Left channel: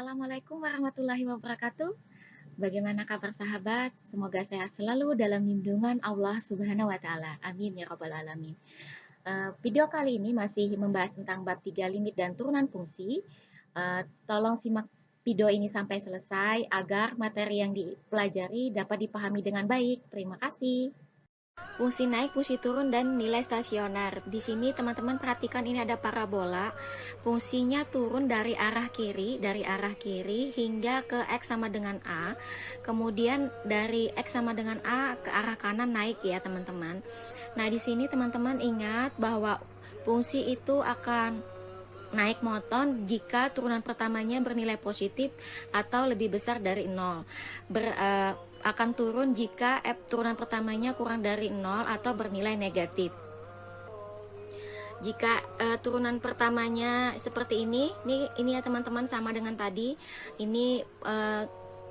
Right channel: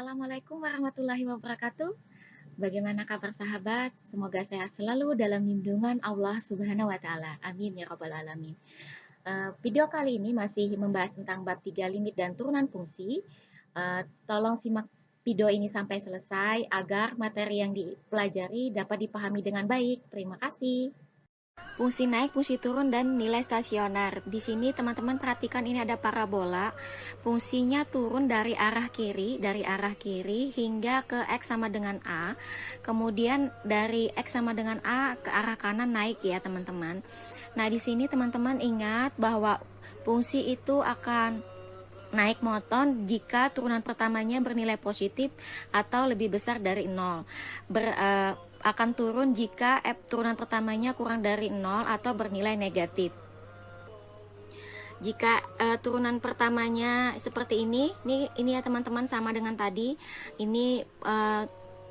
Assalamualaikum warahmatullahi wabarakatuh. Bagaimana kabar sahabat? Semoga sehat selalu dalam lindungan Allah Subhanahu wa taala. Amin ya rabbal alamin. Video kali ini masih membahas tentang bab 3 limit dan turunan fungsi. Tolong simak video ini sampai selesai agar materi yang dipelajari dapat dipahami dengan baik. Terima kasih. Fungsi naik, fungsi turun, dan nilai stasioner. Di sini teman-teman perhatikan ini ada parabola. Fungsinya turun dari arah kiri hingga ke X sama dengan A. Kemudian dari X sama dengan A ke arah kanan naik ya teman-teman. Nah di sini teman-teman ingat bahwa fungsi itu akan naik monoton jika turunan pertamanya bernilai positif atau lebih besar dari 0. Akan turun jika turunan pertamanya kurang dari 0 atau bernilai negatif. Jika turunan pertamanya seperti ini ya teman-teman sama dengan tadi. Ini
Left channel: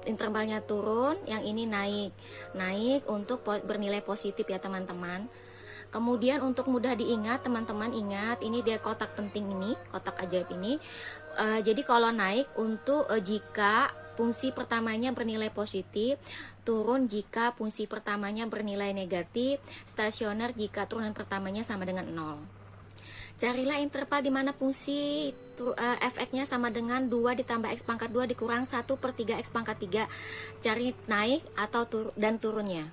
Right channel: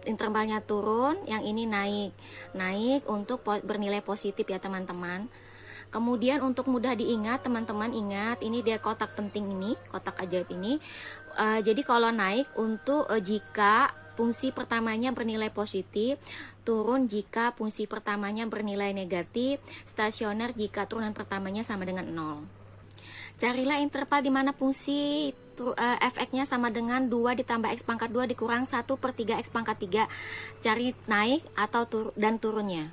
intervalnya turun, yang ini naik untuk bernilai positif ya teman-teman. Kemudian untuk mudah diingat, teman-teman ingat ini dia kotak penting ini, kotak ajaib ini. Jadi kalau naik untuk jika fungsi pertamanya bernilai positif, turun jika fungsi pertamanya bernilai negatif, stasioner jika turunan pertamanya sama dengan 0. Carilah interval di mana fungsi fx-nya sama dengan 2 ditambah x pangkat 2 dikurang 1 per 3 x pangkat 3. Cari naik atau dan turunnya.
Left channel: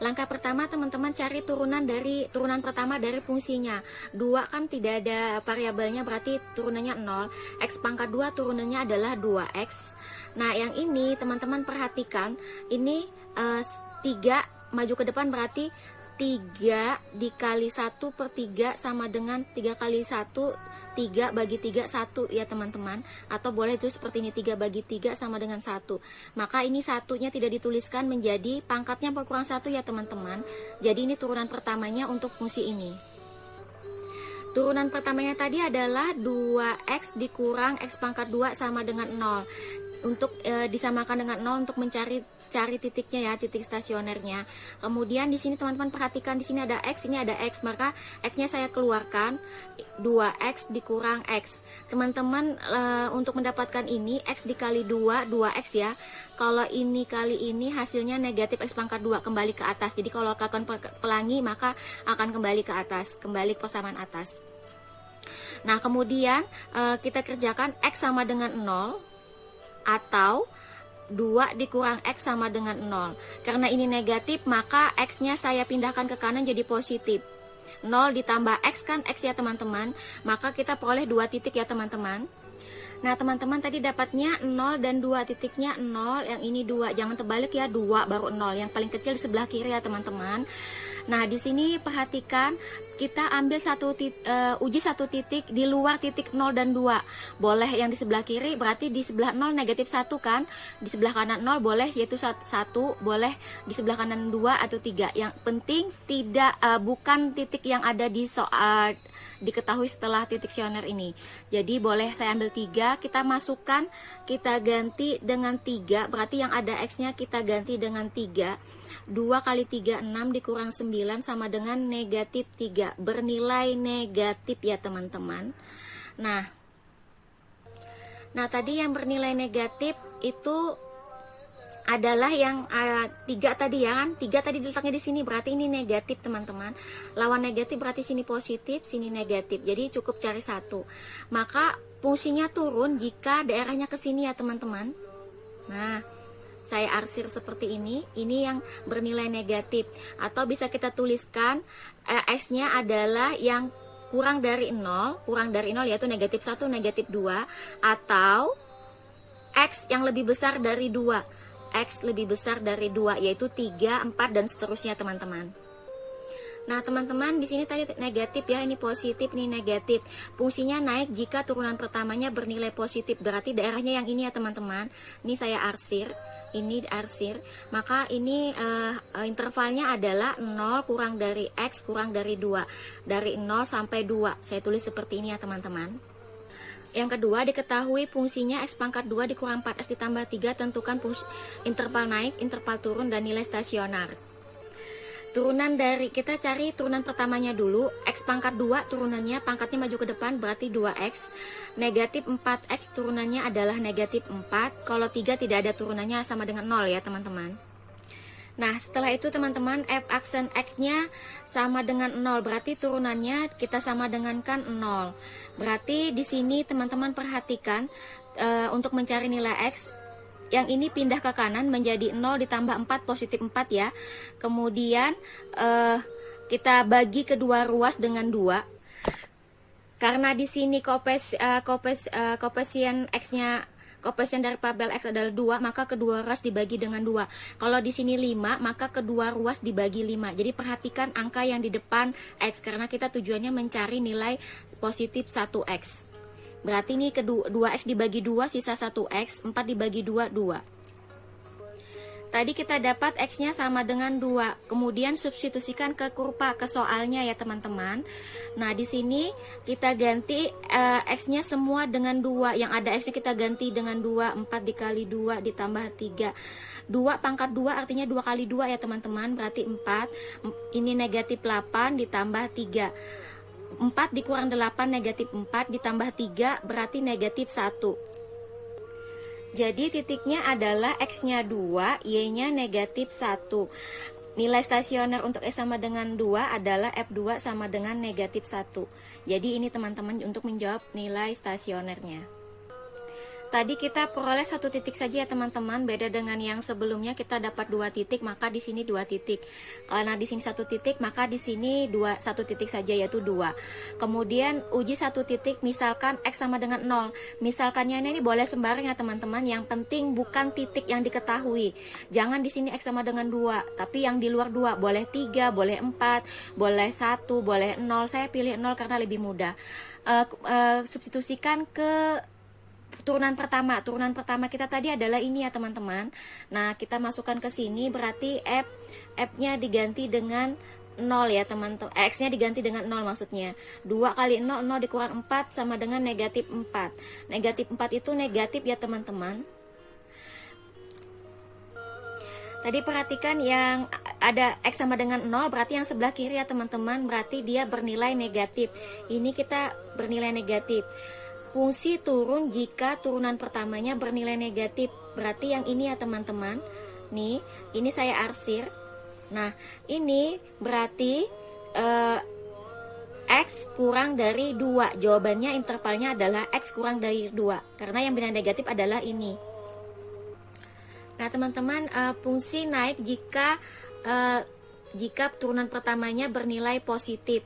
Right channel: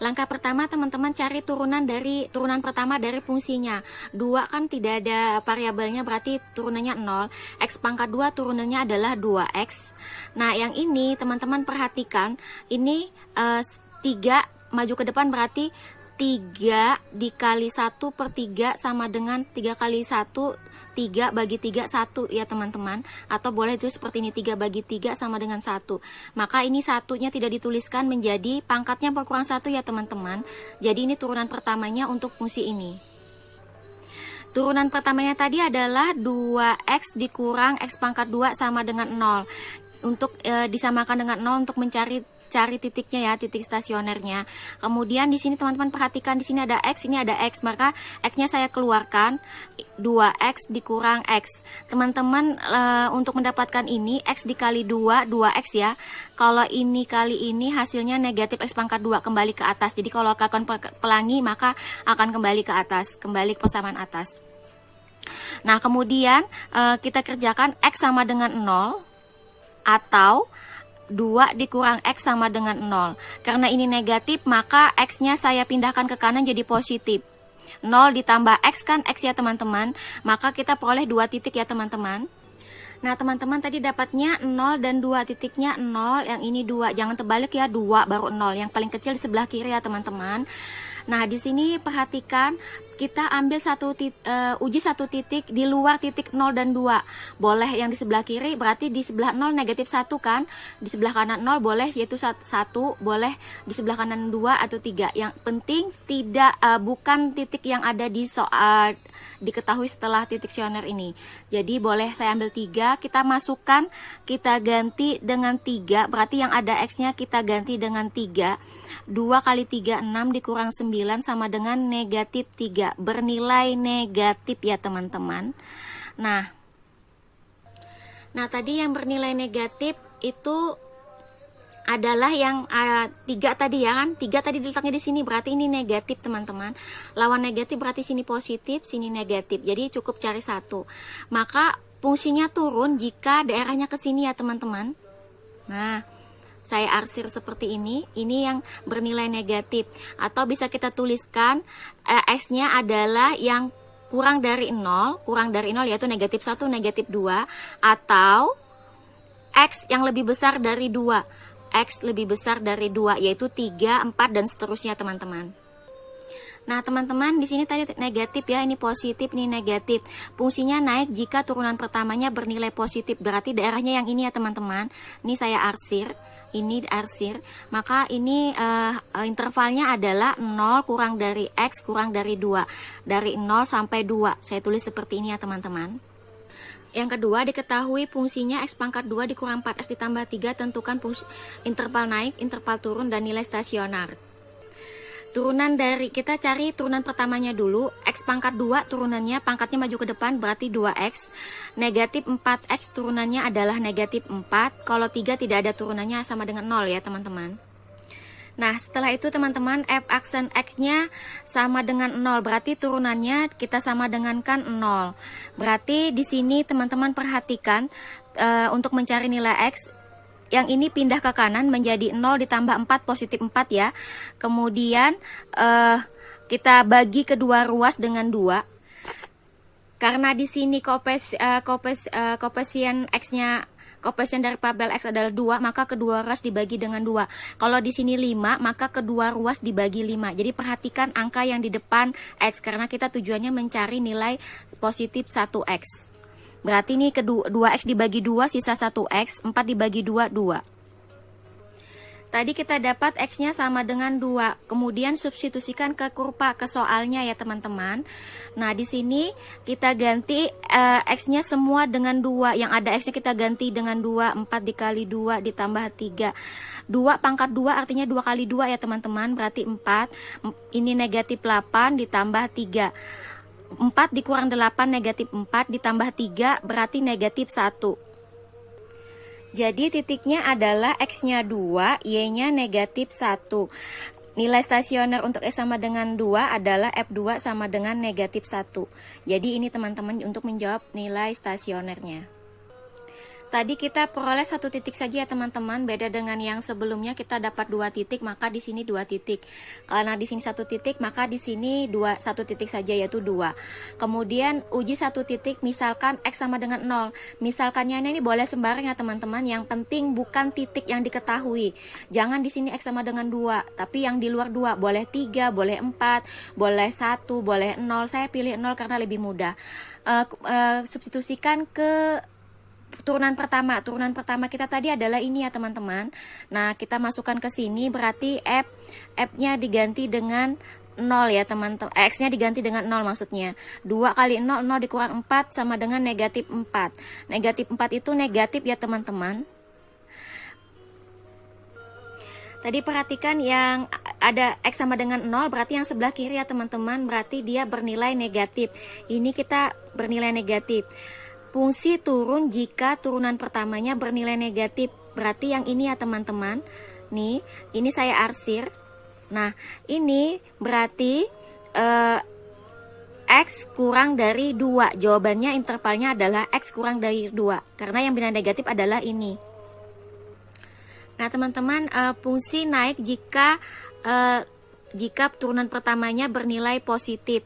Langkah pertama teman-teman cari turunan pertama dari fungsinya. 2 kan tidak ada variabelnya, berarti turunannya 0. X pangkat 2 turunannya adalah 2x. Nah yang ini teman-teman perhatikan, ini 3 maju ke depan berarti 3 dikali 1 per 3 sama dengan 3 kali 1, 3 bagi 3, 1 ya teman-teman. Atau boleh itu seperti ini, 3 bagi 3 sama dengan 1. Maka ini satunya tidak dituliskan, menjadi pangkatnya berkurang 1 ya teman-teman. Jadi ini turunan pertamanya untuk fungsi ini. Turunan pertamanya tadi adalah 2x dikurang x pangkat 2 sama dengan 0. Untuk disamakan dengan 0 untuk cari titiknya ya, titik stasionernya. Kemudian di sini teman-teman perhatikan, di sini ada x, ini ada x, maka x-nya saya keluarkan, 2x dikurang x. Teman-teman untuk mendapatkan ini x dikali 2, 2x ya. Kalau ini kali ini hasilnya negatif x pangkat 2, kembali ke atas. Jadi kalau akan pelangi maka akan kembali ke atas, kembali ke persamaan atas. Nah, kemudian kita kerjakan x sama dengan 0 atau 2 dikurang x sama dengan 0. Karena ini negatif, maka x-nya saya pindahkan ke kanan jadi positif. 0 ditambah x kan x ya teman-teman. Maka kita peroleh 2 titik ya teman-teman. Nah teman-teman tadi dapatnya 0 dan 2 titiknya 0. Yang ini 2, jangan terbalik ya, 2 baru 0. Yang paling kecil di sebelah kiri ya teman-teman. Nah di sini perhatikan, kita ambil uji satu titik di luar titik 0 dan 2. Boleh yang di sebelah kiri, berarti di sebelah 0 negatif 1 kan. Di sebelah kanan 0 boleh, yaitu 1, boleh di sebelah kanan 2 atau 3. Yang penting bukan titik yang ada di diketahui setelah titik stasioner ini. Jadi boleh saya ambil 3, kita masukkan, kita ganti dengan 3, berarti yang ada x-nya kita ganti dengan 3. 2 kali 3, 6 dikurang 9 sama dengan negatif 3. Bernilai negatif ya teman-teman. Nah tadi yang bernilai negatif itu adalah yang 3 tadi ya kan. 3 tadi diletaknya di sini, berarti ini negatif teman-teman. Lawan negatif berarti sini positif, sini negatif. Jadi cukup cari 1. Maka fungsinya turun jika daerahnya ke sini ya teman-teman. Nah saya arsir seperti ini yang bernilai negatif. Atau bisa kita tuliskan x-nya adalah yang kurang dari 0 yaitu negatif 1, negatif 2. Atau x yang lebih besar dari 2, x lebih besar dari 2 yaitu 3, 4 dan seterusnya teman-teman. Nah teman-teman di sini tadi negatif ya, ini positif, ini negatif. Fungsinya naik jika turunan pertamanya bernilai positif, berarti daerahnya yang ini ya teman-teman. Ini saya arsir, ini arsir, maka ini intervalnya adalah 0 kurang dari x kurang dari 2, dari 0 sampai 2. Saya tulis seperti ini ya teman-teman. Yang kedua, diketahui fungsinya x pangkat 2 dikurang 4x ditambah 3, tentukan interval naik, interval turun, dan nilai stasioner. Turunan dari, kita cari turunan pertamanya dulu. X pangkat 2 turunannya, pangkatnya maju ke depan berarti 2X. Negatif 4X turunannya adalah negatif 4. Kalau 3 tidak ada turunannya, sama dengan 0 ya teman-teman. Nah setelah itu teman-teman, f aksen X-nya sama dengan 0, berarti turunannya kita sama dengankan 0. Berarti di sini teman-teman perhatikan, untuk mencari nilai X, yang ini pindah ke kanan menjadi 0 ditambah 4 positif 4 ya. Kemudian kita bagi kedua ruas dengan 2. Karena di sini koefisien X-nya, koefisien dari parabel X adalah 2, maka kedua ruas dibagi dengan 2. Kalau di sini 5, maka kedua ruas dibagi 5. Jadi perhatikan angka yang di depan X, karena kita tujuannya mencari nilai positif 1X. Berarti ini 2X dibagi 2 sisa 1X, 4 dibagi 2, 2. Tadi kita dapat X-nya sama dengan 2. Kemudian substitusikan ke kurva, ke soalnya ya teman-teman. Nah di sini kita ganti X-nya semua dengan 2. Yang ada X-nya kita ganti dengan 2. 4 dikali 2 ditambah 3. 2 pangkat 2 artinya 2 kali 2 ya teman-teman, berarti 4. Ini negatif 8 ditambah 3. 4 dikurang 8 negatif 4 ditambah 3 berarti negatif 1. Jadi titiknya adalah X-nya 2, Y-nya negatif 1. Nilai stasioner untuk S sama dengan 2 adalah F2 sama dengan negatif 1. Jadi ini teman-teman untuk menjawab nilai stasionernya. Tadi kita peroleh 1 titik saja ya teman-teman, beda dengan yang sebelumnya kita dapat 2 titik, maka di sini 2 titik. Karena di sini 1 titik, maka di sini 1 titik saja, yaitu 2. Kemudian uji 1 titik, misalkan X sama dengan 0. Misalkannya ini boleh sembarang ya teman-teman, yang penting bukan titik yang diketahui. Jangan di sini X sama dengan 2, tapi yang di luar 2, boleh 3, boleh 4, boleh 1, boleh 0. Saya pilih 0 karena lebih mudah. Substitusikan ke turunan pertama. Turunan pertama kita tadi adalah ini ya teman-teman. Nah kita masukkan ke sini, berarti F-nya diganti dengan 0 ya teman-teman. X-nya diganti dengan 0 maksudnya. 2 kali 0, 0 dikurang 4 sama dengan negatif 4. Negatif 4 itu negatif ya teman-teman. Tadi perhatikan yang ada X sama dengan 0, berarti yang sebelah kiri ya teman-teman, berarti dia bernilai negatif. Ini kita bernilai negatif. Fungsi turun jika turunan pertamanya bernilai negatif. Berarti yang ini ya teman-teman. Nih, ini saya arsir. Nah, ini berarti X kurang dari 2. Jawabannya intervalnya adalah X kurang dari 2. Karena yang bernilai negatif adalah ini. Nah, teman-teman, fungsi naik jika turunan pertamanya bernilai positif.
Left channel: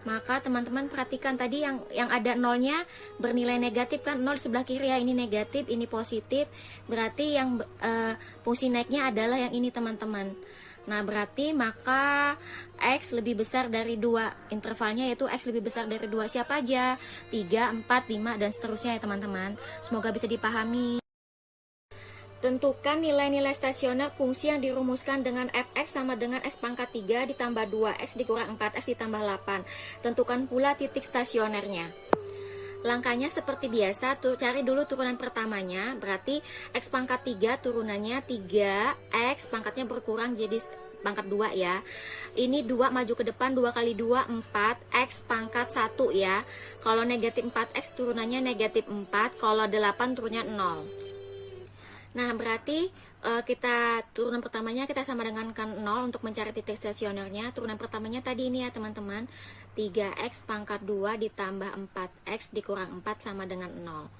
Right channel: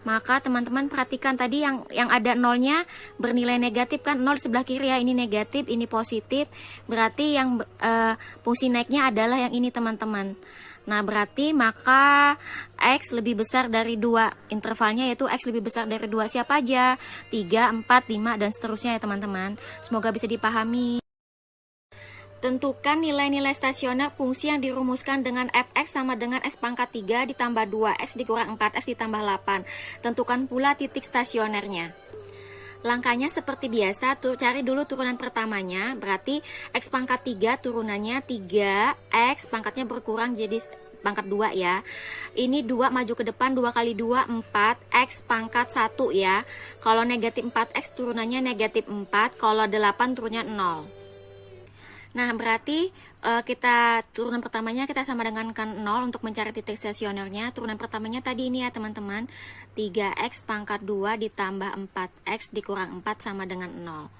Maka teman-teman perhatikan tadi yang ada nolnya bernilai negatif kan, 0 sebelah kiri ya, ini negatif, ini positif, berarti yang fungsi naiknya adalah yang ini teman-teman. Nah berarti maka X lebih besar dari 2, intervalnya yaitu X lebih besar dari 2. Siapa aja? 3, 4, 5 dan seterusnya ya teman-teman. Semoga bisa dipahami. Tentukan nilai-nilai stasioner fungsi yang dirumuskan dengan fx sama dengan x pangkat 3 ditambah 2x dikurang 4x ditambah 8. Tentukan pula titik stasionernya. Langkahnya seperti biasa, cari dulu turunan pertamanya, berarti x pangkat 3 turunannya 3x, pangkatnya berkurang jadi pangkat 2 ya. Ini 2 maju ke depan, 2 kali 2 4, x pangkat 1 ya. Kalau negatif 4x turunannya negatif 4, kalau 8 turunnya 0. Nah berarti kita turunan pertamanya kita sama dengan 0 untuk mencari titik stasionernya. Turunan pertamanya tadi ini ya teman-teman, 3x pangkat 2 ditambah 4x dikurang 4 sama dengan 0.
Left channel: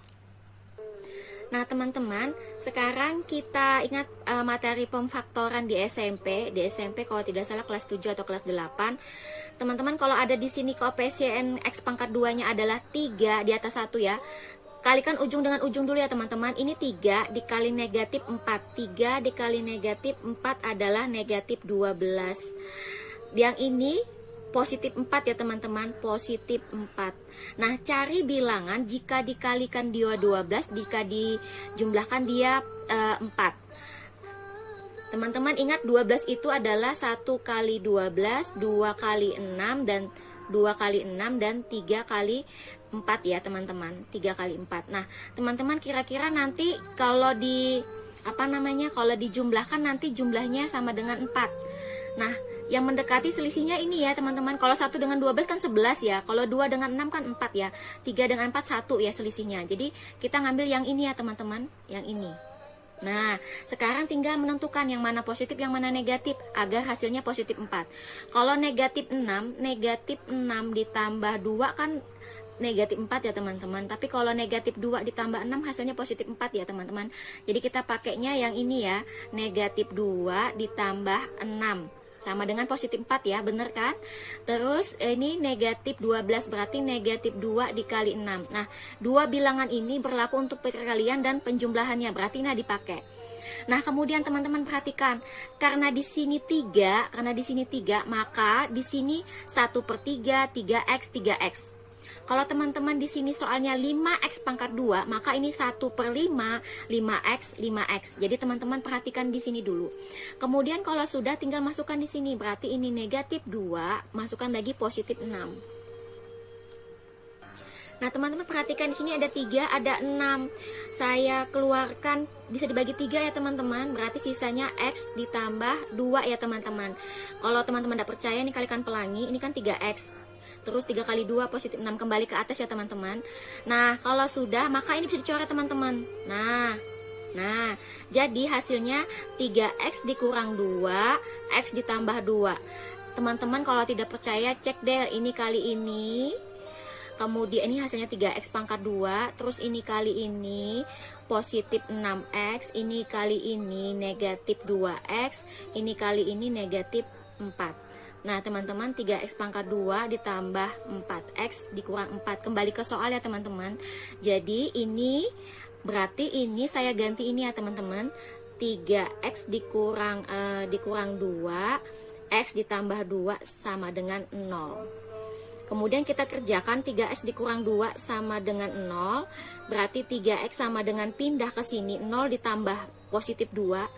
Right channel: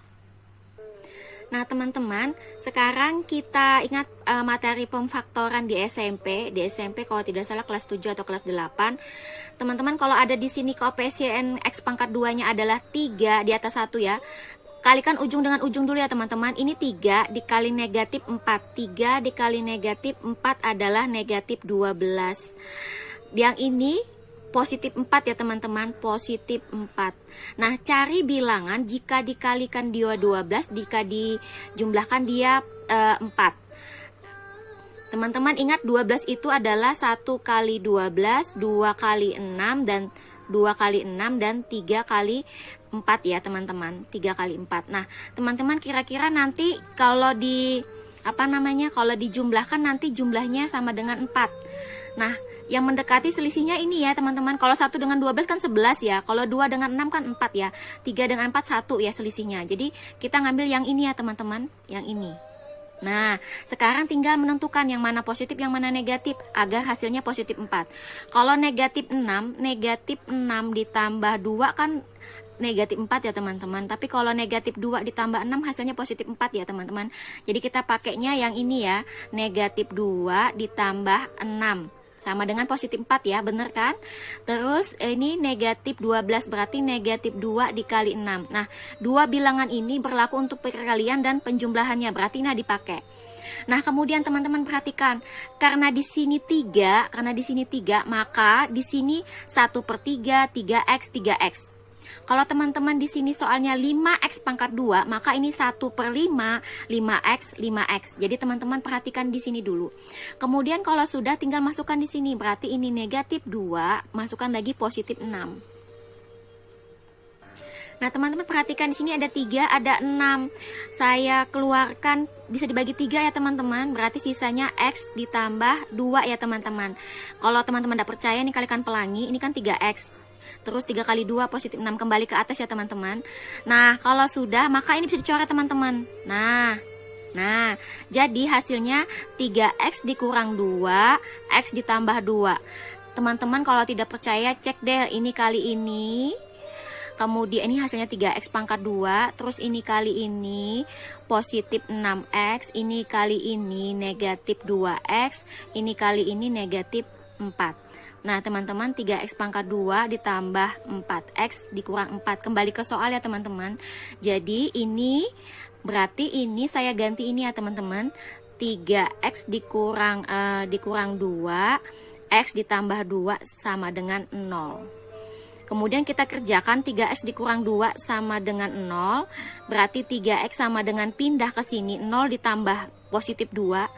Nah teman-teman, sekarang kita ingat materi pemfaktoran di SMP. Di SMP kalau tidak salah kelas 7 atau kelas 8. Teman-teman kalau ada di sini koefisien x pangkat 2 nya adalah 3 di atas 1 ya. Kalikan ujung dengan ujung dulu ya teman-teman. Ini 3 dikali negatif 4. 3 dikali negatif 4 adalah negatif 12. Yang ini positif 4 ya teman-teman. Positif 4. Nah cari bilangan jika dikalikan dia 12, jika dijumlahkan dia 4. Teman-teman ingat 12 itu adalah 1 kali 12, 2 kali 6 dan 2 kali 6 dan 3 kali 4 ya teman-teman, 3 kali 4. Nah teman-teman kira-kira nanti kalau kalau dijumlahkan nanti jumlahnya sama dengan 4. Nah, yang mendekati selisihnya ini ya teman-teman. Kalau 1 dengan 12 kan 11 ya. Kalau 2 dengan 6 kan 4 ya. 3 dengan 4 1 ya selisihnya. Jadi kita ngambil yang ini ya teman-teman, yang ini. Nah, sekarang tinggal menentukan yang mana positif, yang mana negatif agar hasilnya positif 4. Kalau negatif 6 ditambah 2 kan negatif 4 ya teman-teman. Tapi kalau negatif 2 ditambah 6 hasilnya positif 4 ya teman-teman. Jadi kita pakainya yang ini ya, negatif 2 ditambah 6 sama dengan positif 4 ya, bener kan? Terus ini negatif 12 berarti negatif 2 dikali 6. Nah, dua bilangan ini berlaku untuk perkalian dan penjumlahannya, berarti ini dipakai. Nah, kemudian teman-teman perhatikan, karena di sini 3, maka di sini 1/3, 3x, 3x. Kalau teman-teman di sini soalnya 5x pangkat 2, maka ini 1/5, 5x, 5x. Jadi teman-teman perhatikan di sini dulu. Kemudian kalau sudah tinggal masukkan di sini, berarti ini negatif 2, masukkan lagi positif 6. Nah, teman-teman perhatikan di sini ada 3, ada 6. Saya keluarkan bisa dibagi 3 ya teman-teman. Berarti sisanya x ditambah 2 ya teman-teman. Kalau teman-teman tidak percaya, ini kalikan pelangi, ini kan 3x. Terus 3 kali 2 positif 6, kembali ke atas ya teman-teman. Nah, kalau sudah maka ini bisa dicoret teman-teman. Nah, jadi hasilnya 3x dikurang 2, x ditambah 2. Teman-teman kalau tidak percaya cek deh ini kali ini. Kemudian ini hasilnya 3x pangkat 2, terus ini kali ini positif 6x, ini kali ini negatif 2x, ini kali ini negatif 4. Nah teman-teman, 3x pangkat 2 ditambah 4x dikurang 4. Kembali ke soal ya teman-teman. Jadi ini berarti ini saya ganti ini ya teman-teman. 3x dikurang 2, x ditambah 2 sama dengan 0. Kemudian kita kerjakan 3x dikurang 2 sama dengan 0. Berarti 3x sama dengan pindah ke sini, 0 ditambah positif 2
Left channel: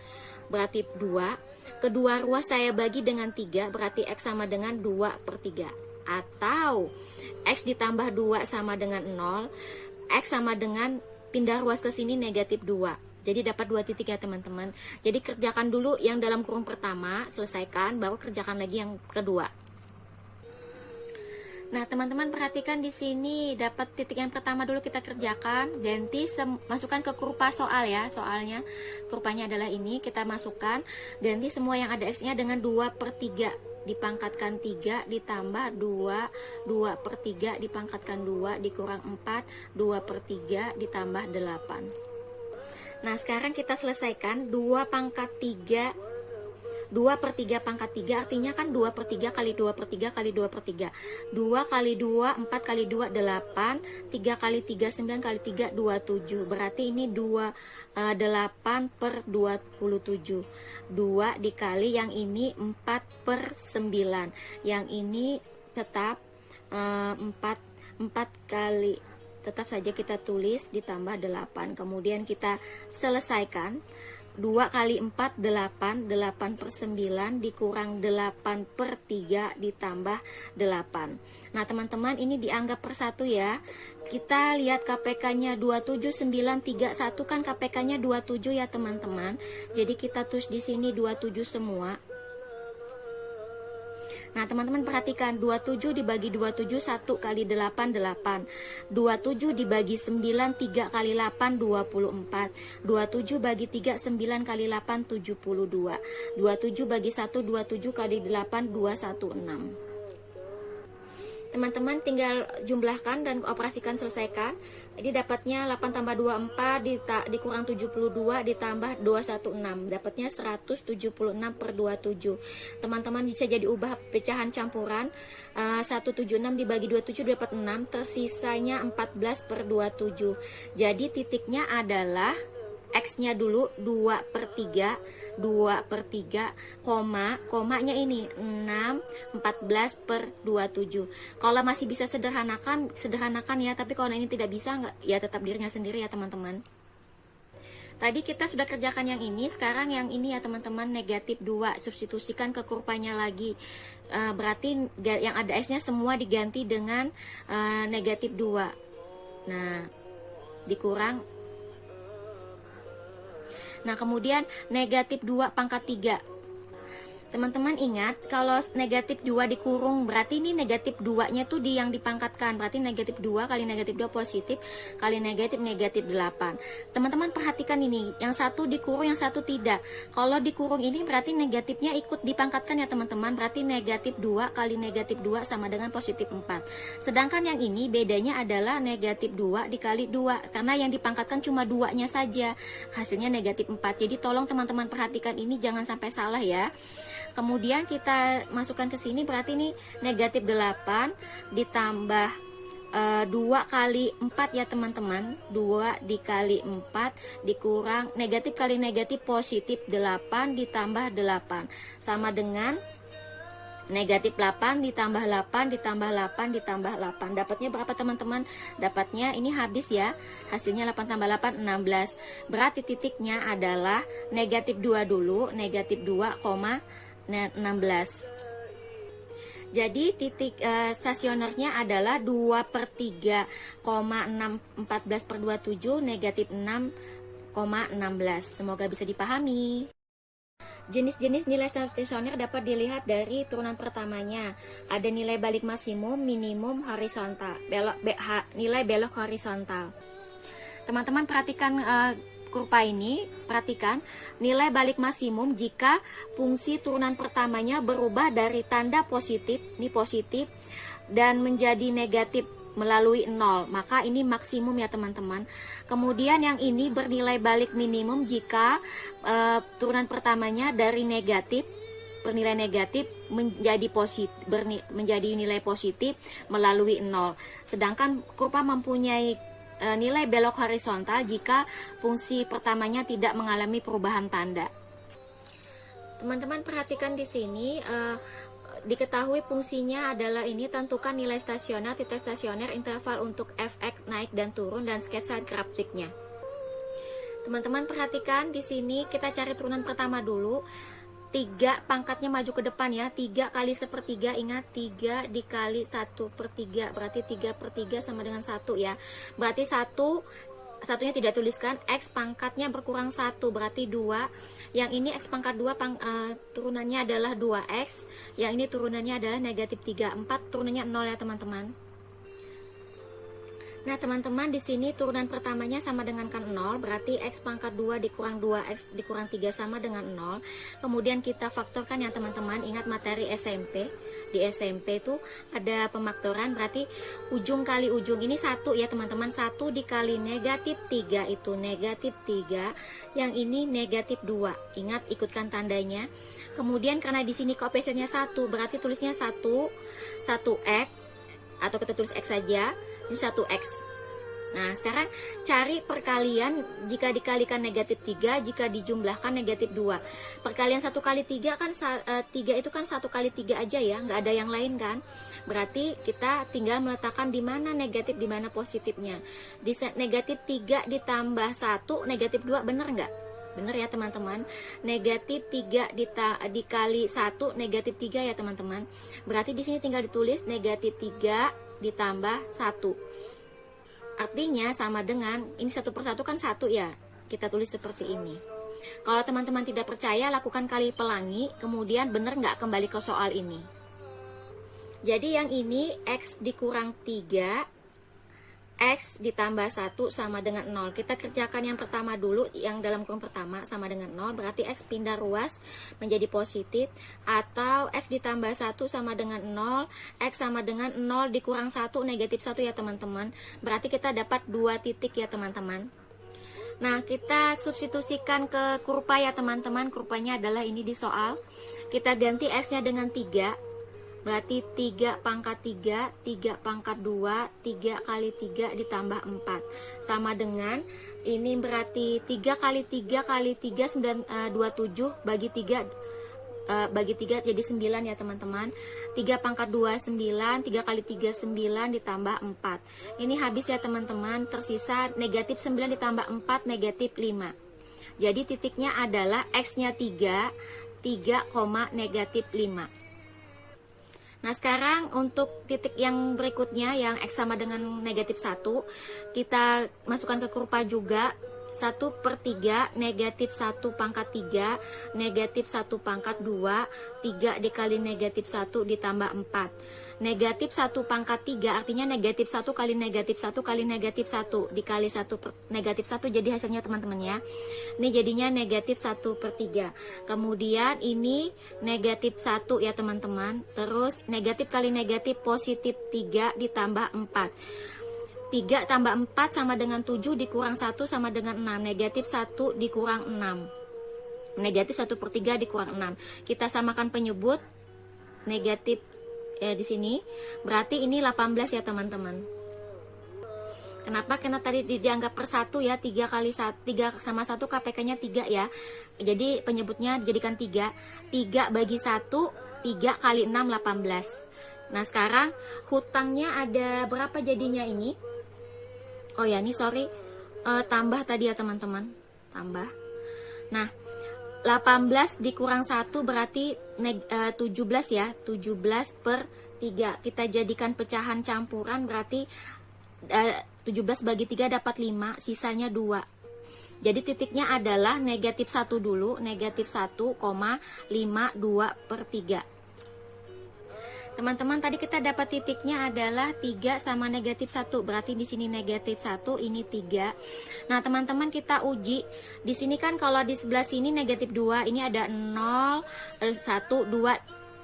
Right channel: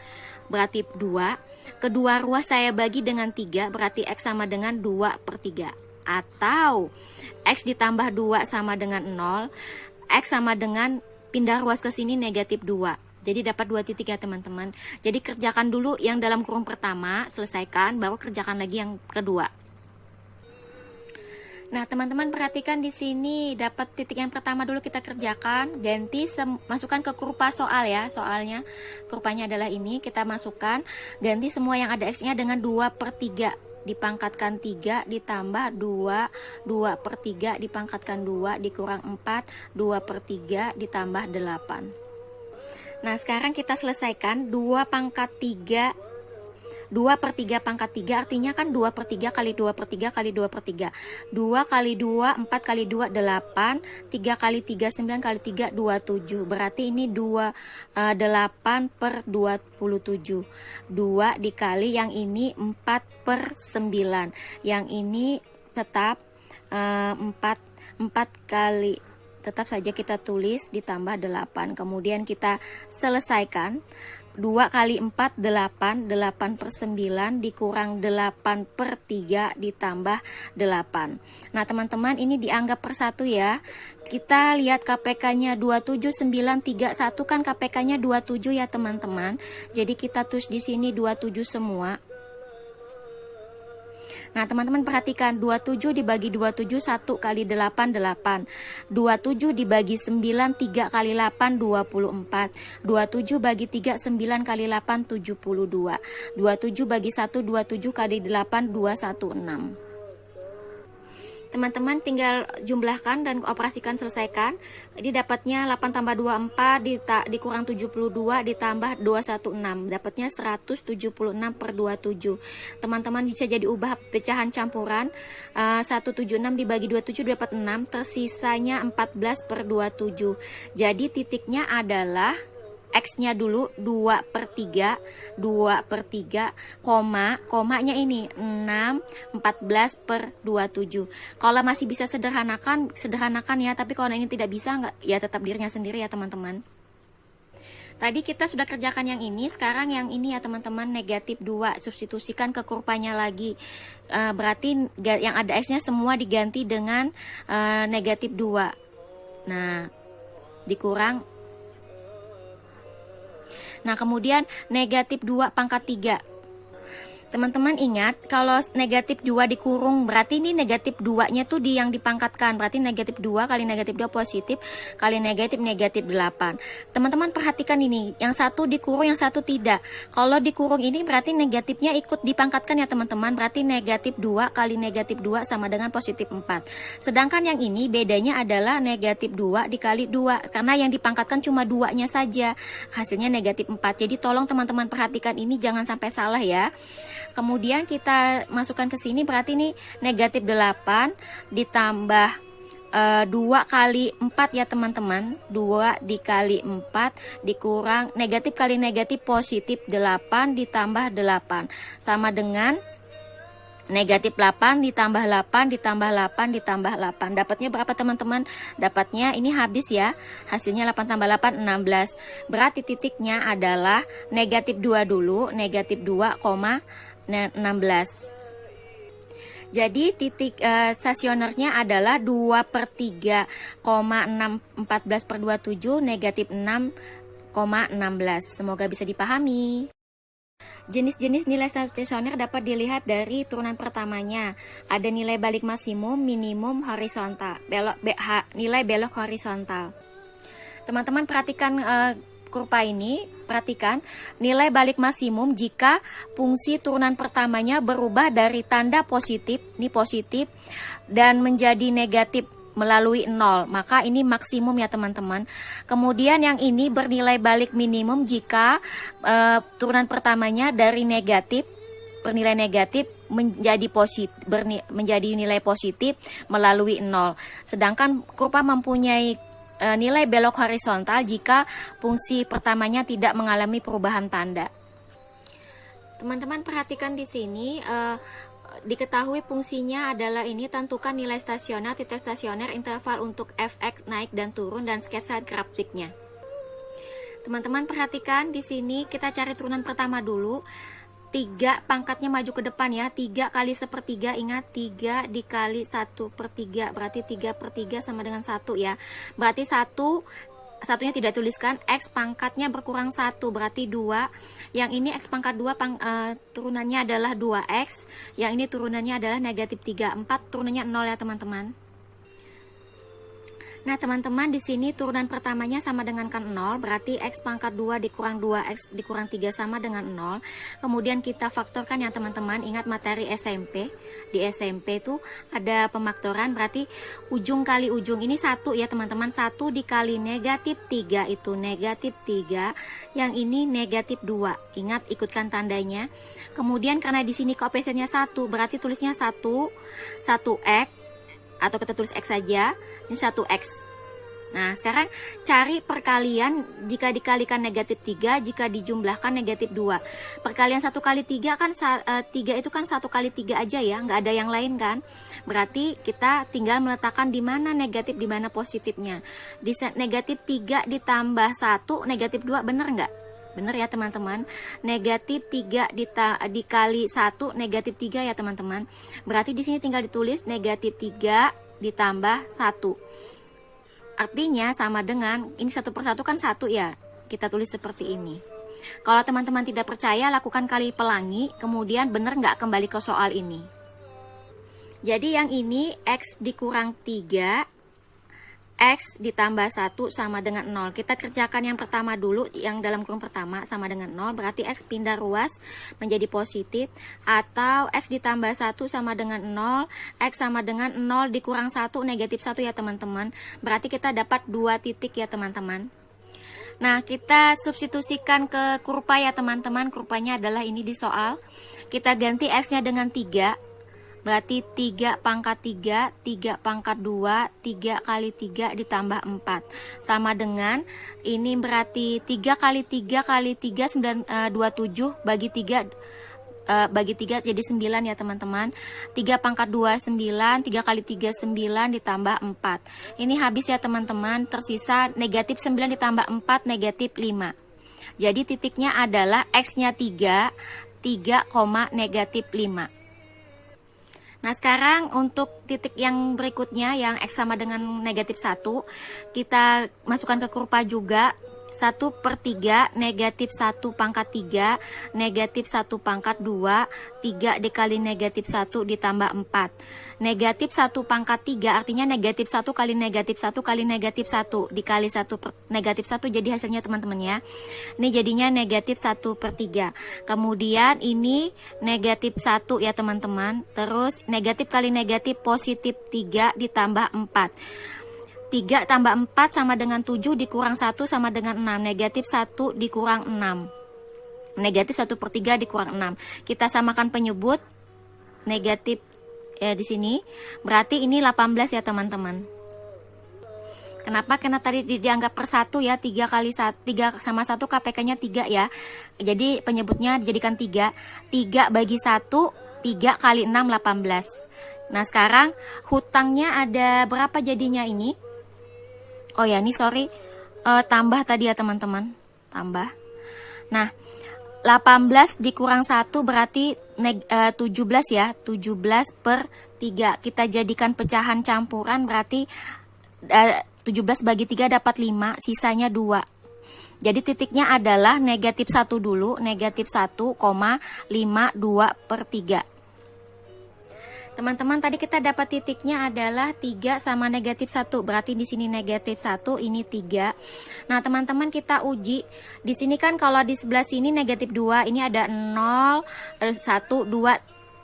berarti 2. Kedua ruas saya bagi dengan 3, berarti x sama dengan 2/3. Atau x ditambah 2 sama dengan 0, x sama dengan pindah ruas ke sini negatif 2. Jadi dapat 2 titik ya teman-teman. Jadi kerjakan dulu yang dalam kurung pertama, selesaikan, baru kerjakan lagi yang kedua. Nah, teman-teman perhatikan di sini dapat titik yang pertama dulu kita kerjakan, ganti masukkan ke kurva soal ya, soalnya kurvanya adalah ini, kita masukkan, ganti semua yang ada x-nya dengan 2/3, dipangkatkan 3 ditambah 2, 2/3 dipangkatkan 2 dikurang 4, 2/3 ditambah 8. Nah, sekarang kita selesaikan 2/3 2/3 pangkat 3 artinya kan 2/3 kali 2/3 kali 2/3. 2 kali 2 4 kali 2 8, 3 kali 3 9 kali 3 27. Berarti ini 8/27. 2 dikali yang ini 4/9. Yang ini tetap 4 kali, tetap saja kita tulis ditambah 8. Kemudian kita selesaikan. 2 kali 4 8, 8/9 dikurang 8/3 ditambah 8. Nah teman-teman, ini dianggap per 1 ya. Kita lihat KPK-nya 27931 kan KPK-nya 27 ya teman-teman. Jadi kita tulis di sini 27 semua. Nah teman-teman perhatikan, 27 dibagi 27 1 kali 8 8, 27 dibagi 9 3 kali 8 24, 27 bagi 3 9 kali 8 72, 27 bagi 1 27 kali 8 216. Teman-teman tinggal jumlahkan dan operasikan, selesaikan. Jadi dapatnya 8 tambah 2 4 dikurang 72 ditambah 216. Dapatnya 176/27. Teman-teman bisa jadi ubah pecahan campuran. 176 dibagi 27 dapat 6, tersisanya 14/27. Jadi titiknya adalah X-nya dulu 2/3, komanya ini 6, 14/27. Kalau masih bisa sederhanakan ya, tapi kalau ini tidak bisa, nggak, ya tetap dirinya sendiri ya teman-teman. Tadi kita sudah kerjakan yang ini, sekarang yang ini ya teman-teman, negatif 2, substitusikan ke kurvanya lagi. Berarti yang ada X-nya semua diganti dengan negatif 2. Nah, dikurang. Nah, kemudian negatif 2 pangkat 3. Teman-teman ingat, kalau negatif 2 dikurung, berarti ini negatif 2-nya tuh yang dipangkatkan. Berarti negatif 2 kali negatif 2 positif, kali negatif 8. Teman-teman perhatikan ini, yang satu dikurung, yang satu tidak. Kalau dikurung ini berarti negatifnya ikut dipangkatkan ya teman-teman. Berarti negatif 2 kali negatif 2 sama dengan positif 4. Sedangkan yang ini bedanya adalah negatif 2 dikali 2. Karena yang dipangkatkan cuma 2-nya saja. Hasilnya negatif 4. Jadi tolong teman-teman perhatikan ini, jangan sampai salah ya. Kemudian kita masukkan ke sini, berarti ini negatif 8 ditambah 2 kali 4 ya teman-teman. 2 dikali 4 dikurang negatif kali negatif positif 8 ditambah 8 sama dengan negatif 8 ditambah 8 ditambah 8 ditambah 8. Dapatnya berapa teman-teman? Dapatnya ini habis ya. Hasilnya 8 tambah 8 16. Berarti titiknya adalah negatif 2 dulu, negatif 2,16. Jadi titik stasionernya adalah 2/3,14/27 negatif 6,16. Semoga bisa dipahami. Jenis-jenis nilai stasioner dapat dilihat dari turunan pertamanya. Ada nilai balik maksimum, minimum, horizontal, nilai belok horizontal. Teman-teman perhatikan kurva ini, perhatikan nilai balik maksimum jika fungsi turunan pertamanya berubah dari tanda positif, ini positif, dan menjadi negatif melalui 0, maka ini maksimum ya teman-teman. Kemudian yang ini bernilai balik minimum jika turunan pertamanya dari negatif, bernilai negatif menjadi positif, menjadi nilai positif melalui 0. Sedangkan kurva mempunyai nilai belok horizontal jika fungsi pertamanya tidak mengalami perubahan tanda. Teman-teman perhatikan di sini, diketahui fungsinya adalah ini, tentukan nilai stasioner, titik stasioner, interval untuk fx naik dan turun, dan sketsa grafiknya. Teman-teman perhatikan di sini, kita cari turunan pertama dulu. 3 pangkatnya maju ke depan ya, 3 kali 1/3, ingat 3 dikali 1/3, berarti 3/3 sama dengan 1 ya. Berarti satunya tidak tuliskan, X pangkatnya berkurang 1, berarti 2. Yang ini X pangkat 2 turunannya adalah 2X, yang ini turunannya adalah negatif 3, 4 turunannya 0 ya teman-teman. Nah teman-teman, di sini turunan pertamanya sama dengan kan 0, berarti X pangkat 2 dikurang 2X dikurang 3 sama dengan 0. Kemudian kita faktorkan ya teman-teman, ingat materi SMP. Di SMP itu ada pemaktoran, berarti ujung kali ujung ini 1 ya teman-teman. 1 dikali negatif 3 itu negatif 3, yang ini negatif 2. Ingat, ikutkan tandanya. Kemudian karena di sini koefisiennya 1, berarti tulisnya 1X, atau kita tulis X saja. Ini 1X. Nah sekarang cari perkalian jika dikalikan negatif 3, jika dijumlahkan negatif 2. Perkalian 1 kali 3 kan 3 itu kan 1 kali 3 aja ya, nggak ada yang lain kan. Berarti kita tinggal meletakkan di mana negatif, di mana positifnya. Di negatif 3 ditambah 1 negatif 2, bener nggak? Bener ya teman-teman. Negatif 3 dikali 1 negatif 3 ya teman-teman. Berarti di sini tinggal ditulis negatif 3 ditambah 1. Artinya sama dengan, ini 1/1 kan 1 ya. Kita tulis seperti ini. Kalau teman-teman tidak percaya, lakukan kali pelangi, kemudian benar nggak kembali ke soal ini. Jadi yang ini X dikurang 3, X ditambah 1 sama dengan 0. Kita kerjakan yang pertama dulu, yang dalam kurung pertama sama dengan 0. Berarti X pindah ruas menjadi positif. Atau X ditambah 1 sama dengan 0. X sama dengan 0 dikurang 1 negatif 1 ya teman-teman. Berarti kita dapat 2 titik ya teman-teman. Nah kita substitusikan ke kurva ya teman-teman. Kurvanya adalah ini di soal. Kita ganti X nya dengan 3. Berarti 3 pangkat 3, 3 pangkat 2, 3 kali 3 ditambah 4. Sama dengan, ini berarti 3 kali 3 kali 3, 27, bagi 3 jadi 9 ya teman-teman. 3 pangkat 2, 9, 3 kali 3, 9 ditambah 4. Ini habis ya teman-teman, tersisa negatif 9 ditambah 4, negatif 5. Jadi titiknya adalah X-nya 3, negatif 5. Nah sekarang untuk titik yang berikutnya yang X sama dengan negatif 1, kita masukkan ke kurva juga 1/3 negatif 1 pangkat 3 negatif 1 pangkat 2, 3 dikali negatif 1 ditambah 4. Negatif 1 pangkat 3 artinya negatif 1 kali negatif 1 kali negatif 1 dikali 1 negatif 1, jadi hasilnya teman-teman ya. Ini jadinya negatif 1/3. Kemudian ini negatif 1 ya teman-teman. Terus negatif kali negatif positif 3 ditambah 4. 3 tambah 4 sama dengan 7 dikurang 1 sama dengan 6. Negatif 1 dikurang 6. Negatif 1/3 dikurang 6. Kita samakan penyebut. Negatif ya di sini. Berarti ini 18 ya teman-teman. Kenapa? Karena tadi dianggap per 1 ya. 3 kali 1, 3 sama 1 KPK-nya 3 ya. Jadi penyebutnya jadikan 3. 3 bagi 1, 3 kali 6, 18. Nah sekarang hutangnya ada berapa jadinya ini? Oh ya, ini sorry, tambah tadi ya teman-teman, tambah. Nah, 18 dikurang 1 berarti 17 ya, 17/3. Kita jadikan pecahan campuran berarti 17 bagi 3 dapat 5, sisanya 2. Jadi titiknya adalah negatif 1 dulu, negatif 1,52/3. Teman-teman, tadi kita dapat titiknya adalah 3 sama negatif 1. Berarti di sini negatif 1, ini 3. Nah, teman-teman kita uji. Di sini kan kalau di sebelah sini negatif 2, ini ada 0, 1, 2.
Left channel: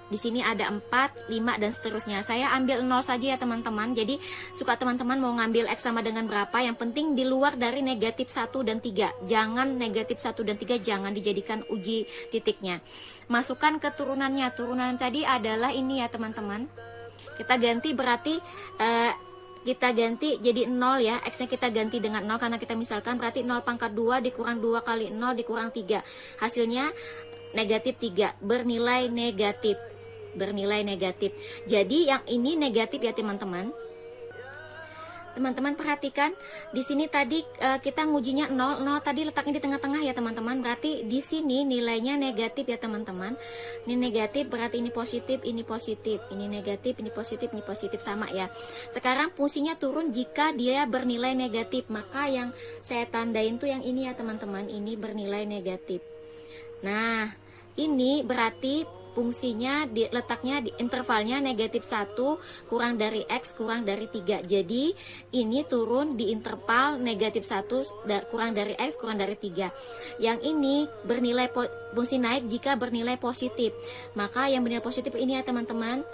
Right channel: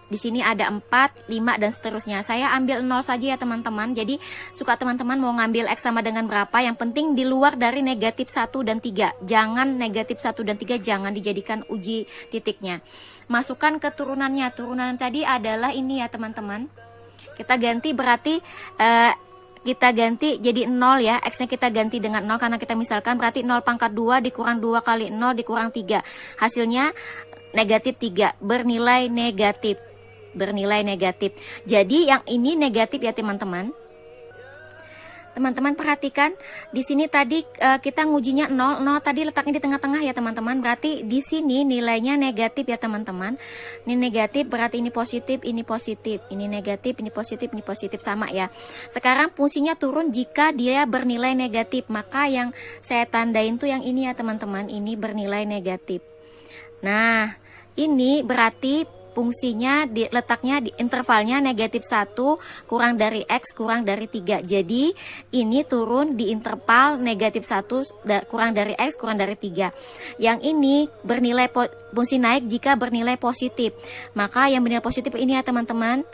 Di sini ada 4, 5 dan seterusnya. Saya ambil 0 saja ya teman-teman. Jadi suka teman-teman mau ngambil X sama dengan berapa, yang penting di luar dari negatif 1 dan 3. Jangan negatif 1 dan 3 jangan dijadikan uji titiknya. Masukkan ke turunannya. Turunan tadi adalah ini ya teman-teman. Kita ganti berarti kita ganti jadi 0 ya. X nya kita ganti dengan 0 karena kita misalkan, berarti 0 pangkat 2 dikurang 2 kali 0 dikurang 3. Hasilnya negatif 3, bernilai negatif. Bernilai negatif. Jadi yang ini negatif ya teman-teman. Teman-teman perhatikan di sini tadi kita ngujinya 0, 0 tadi letaknya di tengah-tengah ya teman-teman. Berarti di sini nilainya negatif ya teman-teman. Ini negatif berarti ini positif, ini positif, ini negatif, ini positif sama ya. Sekarang fungsinya turun jika dia bernilai negatif. Maka yang saya tandain tuh yang ini ya teman-teman, ini bernilai negatif. Nah, ini berarti fungsinya letaknya di intervalnya negatif 1 kurang dari X kurang dari 3. Jadi ini turun di interval negatif 1 kurang dari X kurang dari 3. Yang ini bernilai fungsi naik jika bernilai positif. Maka yang bernilai positif ini ya teman-teman.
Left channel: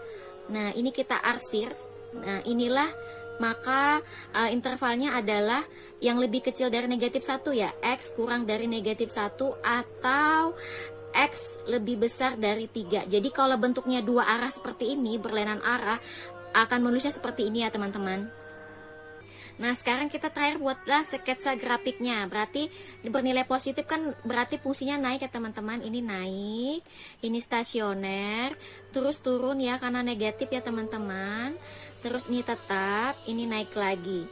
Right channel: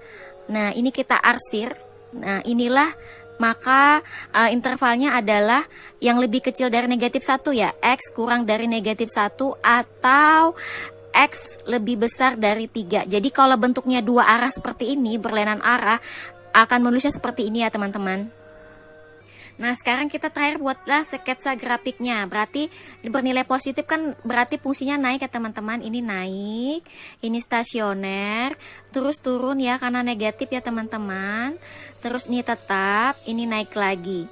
Nah ini kita arsir. Nah inilah maka intervalnya adalah yang lebih kecil dari negatif 1 ya. X kurang dari negatif 1 atau X lebih besar dari 3. Jadi kalau bentuknya dua arah seperti ini, berlainan arah, akan menulisnya seperti ini ya teman-teman. Nah sekarang kita terakhir buatlah sketsa grafiknya. Berarti bernilai positif kan berarti fungsinya naik ya teman-teman. Ini naik, ini stasioner, terus turun ya karena negatif ya teman-teman. Terus ini tetap, ini naik lagi.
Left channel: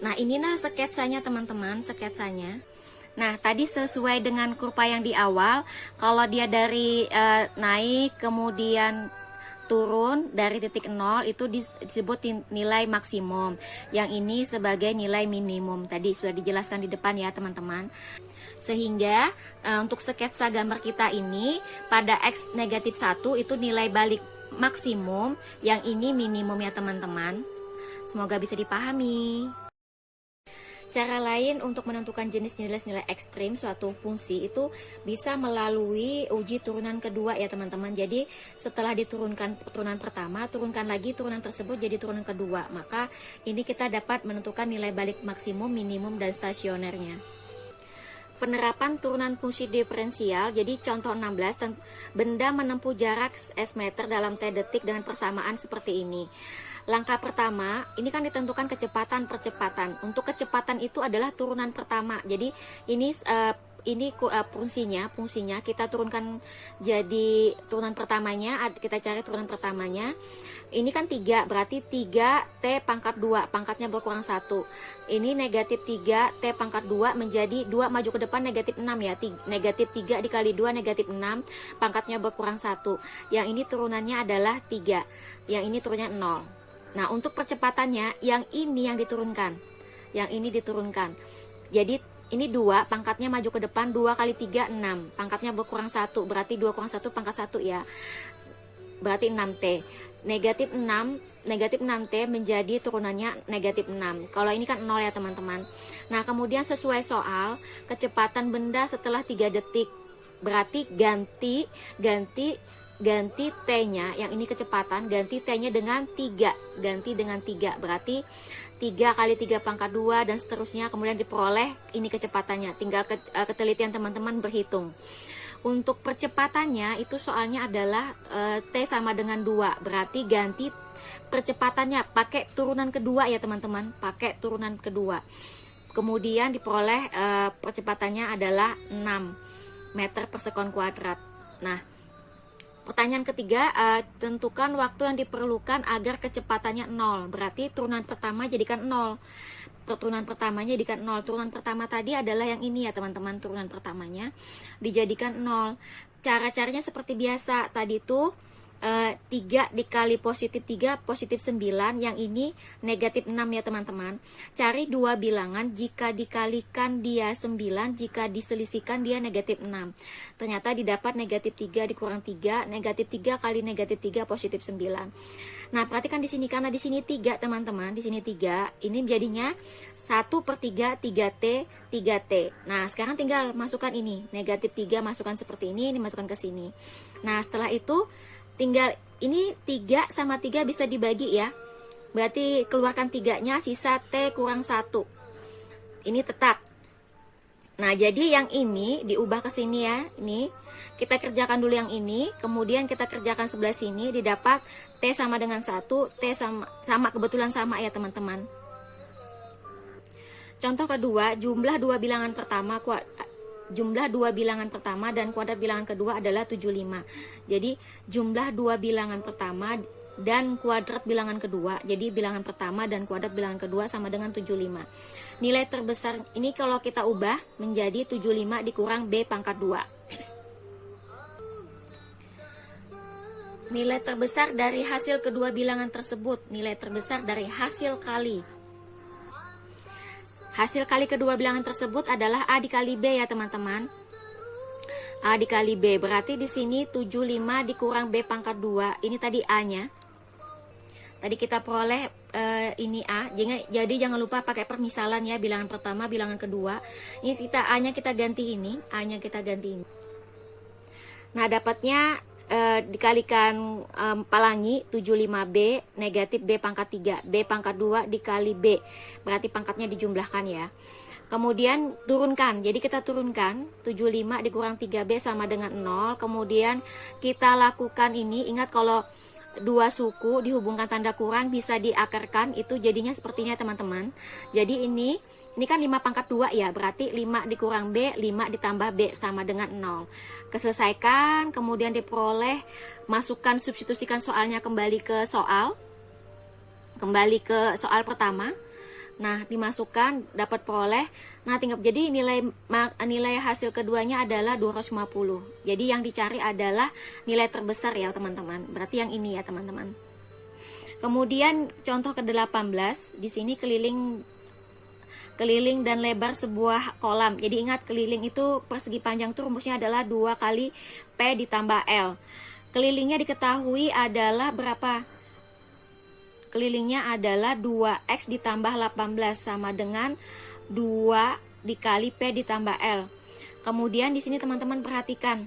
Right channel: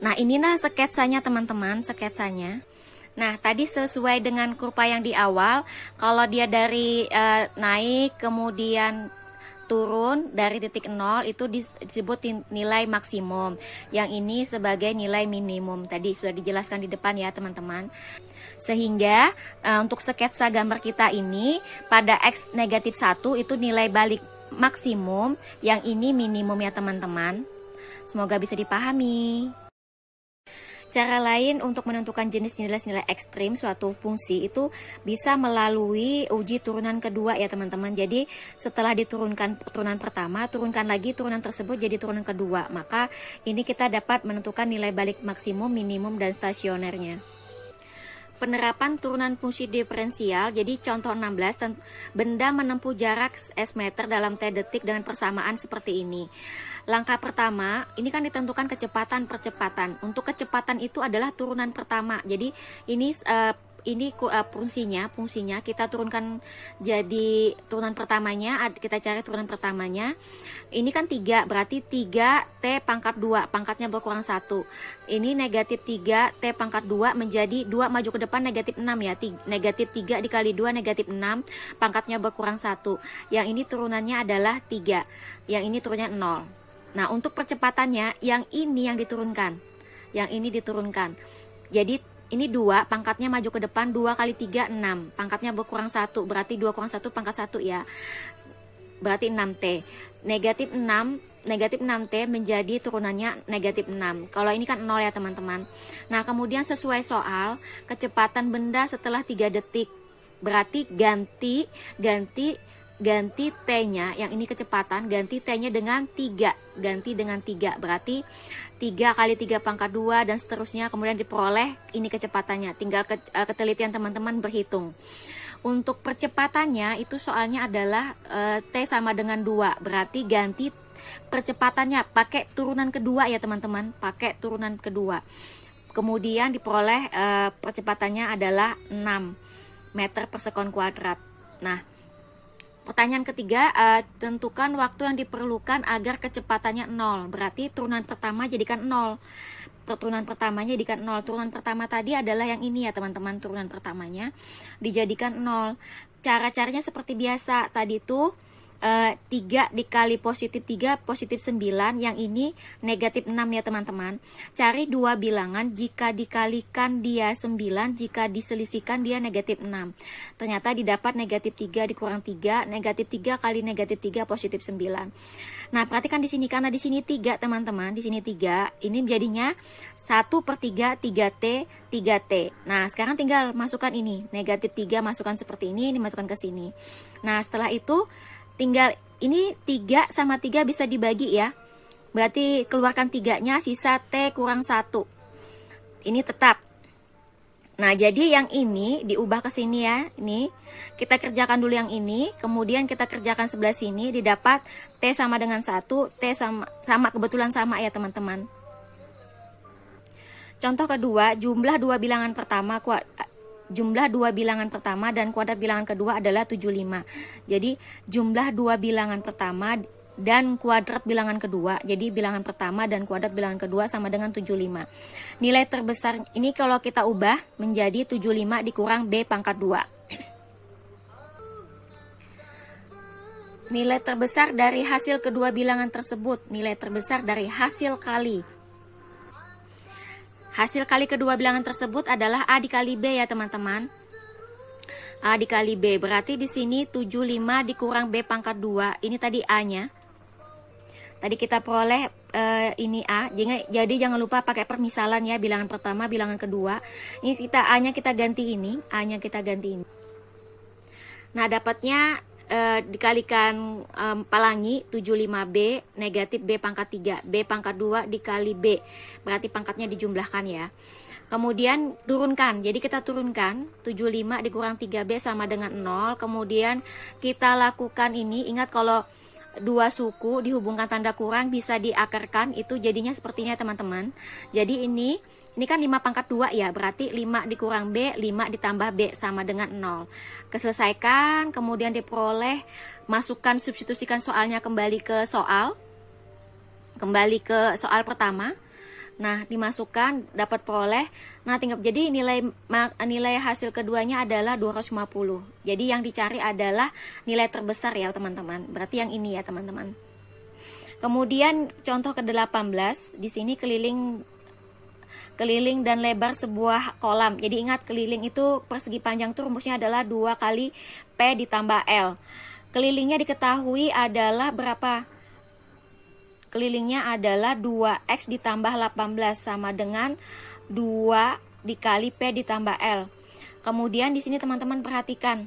Nah inilah sketsanya teman-teman, sketsanya. Nah tadi sesuai dengan kurva yang di awal, kalau dia dari naik kemudian turun dari titik 0 itu disebut nilai maksimum. Yang ini sebagai nilai minimum. Tadi sudah dijelaskan di depan ya teman-teman. Sehingga untuk sketsa gambar kita ini pada X negatif 1 itu nilai balik maksimum, yang ini minimum ya teman-teman. Semoga bisa dipahami. Cara lain untuk menentukan jenis nilai-nilai ekstrim suatu fungsi itu bisa melalui uji turunan kedua ya teman-teman. Jadi setelah diturunkan turunan pertama, turunkan lagi turunan tersebut jadi turunan kedua. Maka ini kita dapat menentukan nilai balik maksimum, minimum, dan stasionernya. Penerapan turunan fungsi diferensial. Jadi contoh 16, benda menempuh jarak S meter dalam T detik dengan persamaan seperti ini. Langkah pertama, ini kan ditentukan kecepatan-percepatan. Untuk kecepatan itu adalah turunan pertama. Jadi ini fungsinya kita turunkan jadi turunan pertamanya, kita cari turunan pertamanya. Ini kan 3, berarti 3T pangkat 2, pangkatnya berkurang 1. Ini negatif 3T pangkat 2 menjadi 2 maju ke depan negatif 6 ya. Negatif 3 dikali 2 negatif 6, pangkatnya berkurang 1. Yang ini turunannya adalah 3, yang ini turunnya 0. Nah untuk percepatannya yang ini yang diturunkan. Yang ini diturunkan. Jadi ini 2, pangkatnya maju ke depan, 2 kali 3, 6. Pangkatnya berkurang 1, berarti 2 kurang 1 pangkat 1 ya. Berarti 6T. Negatif 6T menjadi turunannya negatif 6. Kalau ini kan 0 ya teman-teman. Nah, kemudian sesuai soal, kecepatan benda setelah 3 detik. Berarti ganti T-nya, yang ini kecepatan, ganti T-nya dengan 3. Ganti dengan 3. Berarti 3 kali 3 pangkat 2 dan seterusnya, kemudian diperoleh ini kecepatannya. Tinggal ketelitian teman-teman berhitung. Untuk percepatannya itu soalnya adalah T sama dengan 2. Berarti ganti percepatannya pakai turunan kedua ya teman-teman. Pakai turunan kedua. Kemudian diperoleh percepatannya adalah 6 meter per sekon kuadrat. Nah, pertanyaan ketiga, tentukan waktu yang diperlukan agar kecepatannya 0. Berarti turunan pertama jadikan 0. Turunan pertamanya jadikan 0. Turunan pertama tadi adalah yang ini ya teman-teman. Turunan pertamanya dijadikan 0. Cara-caranya seperti biasa. Tadi tuh 3 dikali positif 3, positif 9. Yang ini negatif 6 ya teman-teman. Cari dua bilangan, jika dikalikan dia 9, jika diselisihkan dia negatif 6. Ternyata didapat negatif 3 dikurang 3, negatif 3 kali negatif 3 positif 9. Nah, perhatikan di sini, karena di sini 3 teman-teman, di sini 3, ini jadinya 1/3, 3T, 3T. Nah, sekarang tinggal masukkan ini, negatif 3 masukkan seperti ini masukkan ke sini. Nah, setelah itu tinggal ini 3 sama 3 bisa dibagi ya. Berarti keluarkan 3-nya, sisa T kurang 1. Ini tetap. Nah, jadi yang ini diubah ke sini ya. Ini kita kerjakan dulu yang ini, kemudian kita kerjakan sebelah sini, didapat T sama dengan 1, T sama kebetulan sama ya teman-teman. Contoh kedua, jumlah dua bilangan pertama dan kuadrat bilangan kedua adalah 75. Jadi jumlah dua bilangan pertama dan kuadrat bilangan kedua, jadi bilangan pertama dan kuadrat bilangan kedua sama dengan 75. Nilai terbesar ini kalau kita ubah menjadi 75 dikurang B pangkat 2. Nilai terbesar dari hasil kedua bilangan tersebut, nilai terbesar dari hasil kali. Hasil kali kedua bilangan tersebut adalah A dikali B ya teman-teman. A dikali B, berarti di sini 75 dikurang B pangkat 2, ini tadi A-nya. Tadi kita peroleh ini A, jadi jangan lupa pakai permisalan ya, bilangan pertama, bilangan kedua. Ini kita A-nya kita ganti ini, A-nya kita ganti ini. Nah, dapatnya dikalikan palangi 75B negatif B pangkat 3, B pangkat 2 dikali B, berarti pangkatnya dijumlahkan ya. Kemudian turunkan, jadi kita turunkan 75 dikurang 3B sama dengan 0. Kemudian kita lakukan ini, ingat kalau dua suku dihubungkan tanda kurang bisa diakarkan, itu jadinya sepertinya teman-teman. Jadi ini kan 5 pangkat 2 ya, berarti 5 dikurang B, 5 ditambah B sama dengan 0. Keselesaikan, kemudian diperoleh, masukkan, substitusikan soalnya kembali ke soal pertama. Nah, dimasukkan, dapat peroleh. Nah, tinggal jadi nilai hasil keduanya adalah 250. Jadi yang dicari adalah nilai terbesar ya, teman-teman. Berarti yang ini ya, teman-teman. Kemudian contoh ke-18, di sini keliling dan lebar sebuah kolam. Jadi ingat, keliling itu persegi panjang itu rumusnya adalah 2 kali P ditambah L. Kelilingnya diketahui adalah berapa? Kelilingnya adalah 2X ditambah 18 sama dengan 2 dikali P ditambah L. Kemudian di sini teman-teman perhatikan.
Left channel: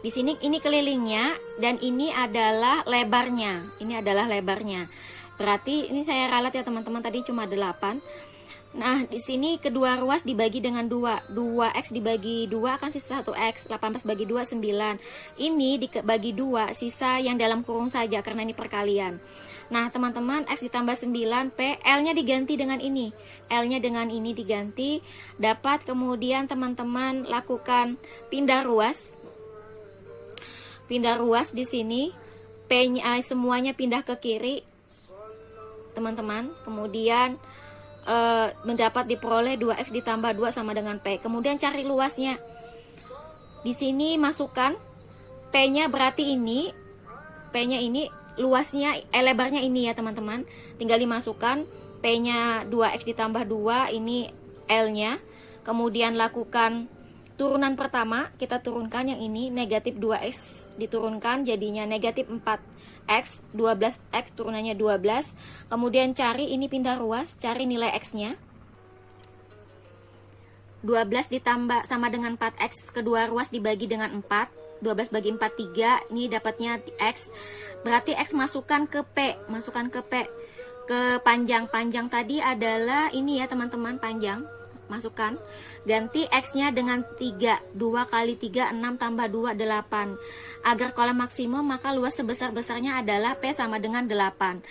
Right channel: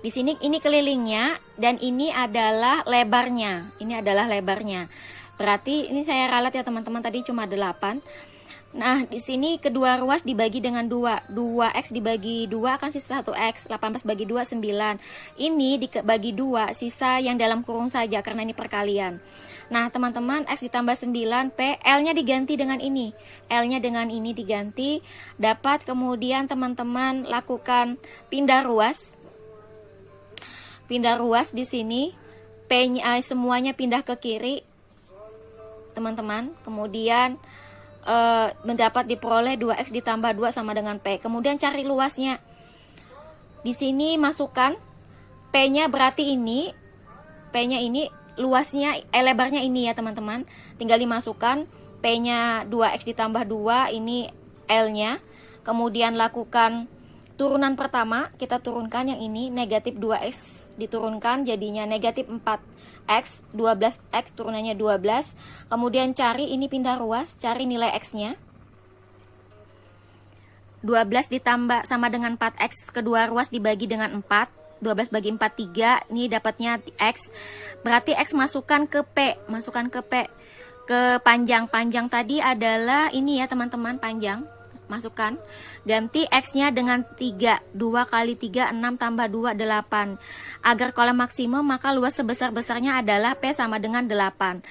Di sini ini kelilingnya dan ini adalah lebarnya. Ini adalah lebarnya. Berarti ini saya ralat ya teman-teman, tadi cuma 8. Nah, di sini kedua ruas dibagi dengan 2. 2X dibagi 2 akan sisa 1X. 18 bagi 2, 9. Ini dibagi 2, sisa yang dalam kurung saja karena ini perkalian. Nah, teman-teman, X ditambah 9P, L-nya diganti dengan ini. L-nya dengan ini diganti. Dapat kemudian teman-teman lakukan pindah ruas. Pindah ruas di sini. P-nya semuanya pindah ke kiri. Teman-teman, kemudian mendapat diperoleh 2X ditambah 2 sama dengan P. Kemudian cari luasnya. Di sini masukkan P-nya, berarti ini P-nya ini luasnya lebarnya ini ya teman-teman. Tinggal dimasukkan P-nya 2X ditambah 2, ini L-nya. Kemudian lakukan turunan pertama, kita turunkan yang ini, negatif 2X diturunkan, jadinya negatif 4X, 12X turunannya 12. Kemudian cari, ini pindah ruas, cari nilai X-nya. 12 ditambah sama dengan 4X, kedua ruas dibagi dengan 4. 12 bagi 4, 3, ini dapatnya X. Berarti X masukkan ke P, ke panjang tadi adalah ini ya teman-teman, panjang, masukkan, ganti X-nya dengan 3, 2 kali 3, 6 tambah 2, 8. Agar kolom maksimum, maka luas sebesar-besarnya adalah P sama dengan 8.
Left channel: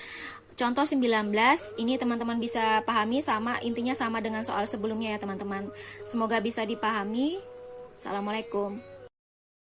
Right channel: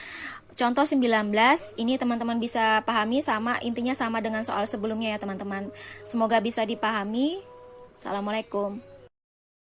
Contoh 19, ini teman-teman bisa pahami, sama intinya sama dengan soal sebelumnya ya teman-teman. Semoga bisa dipahami. Assalamualaikum.